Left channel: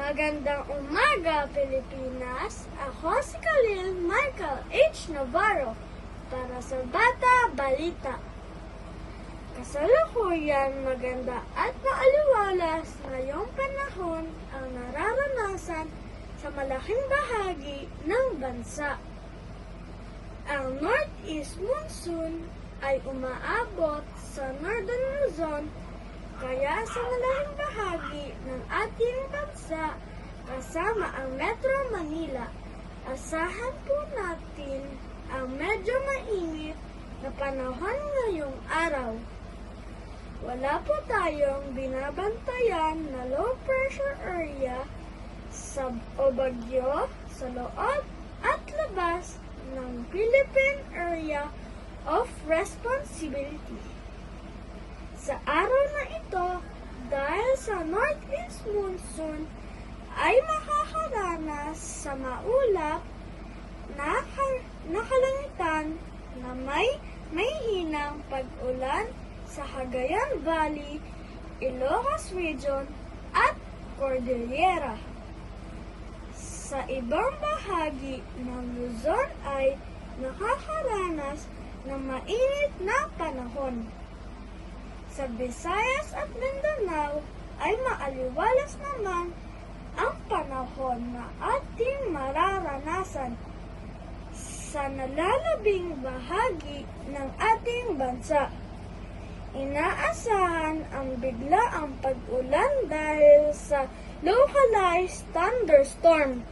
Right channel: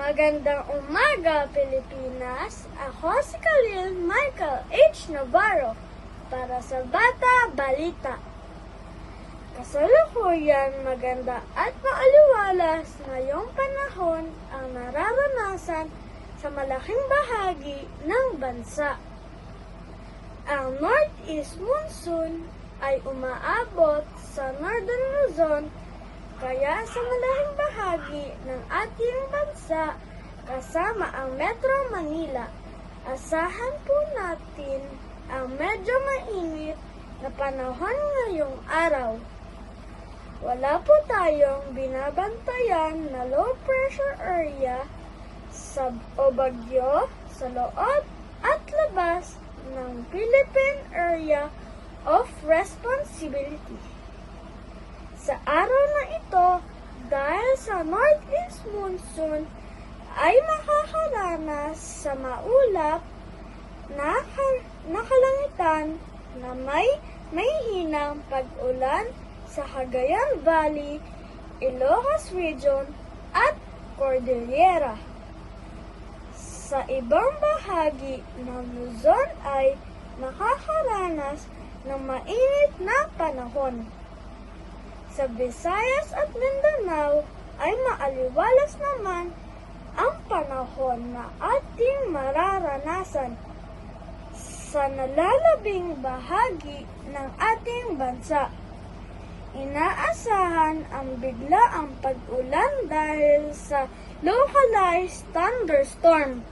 Magandang umaga, Pilipinas! Ako si Khalil Michael H. Navarro para sa Bata Balita. Kasalukuyan maganda at maaliwalas ngayong panahon ang nararanasan sa malaking bahagi ng bansa. Ang Northeast Monsoon ay umaabot sa Northern Luzon, kaya sa malaking bahagi ng ating bansa kasama ang Metro Manila, asahan po natin ang medyo mainit na panahon ngayong araw. Wala po tayong binabantayan na low pressure area o bagyo sa loob at labas ng Philippine Area of Responsibility. Sa araw na ito, dahil sa Northeast Monsoon, ay makakaranas sa maulap na kalangitan na may hinang pag-ulan sa Cagayan Valley, Ilocos Region at Cordillera. Sa ibang bahagi ng Luzon ay makakaranas ng mainit na panahon. Sa Visayas at Mindanao ay maaliwalas naman ang panahon na ating mararanasan sa nalalabing bahagi ng ating bansa. Inaasahan ang biglaang pag-ulan dahil sa localized thunderstorm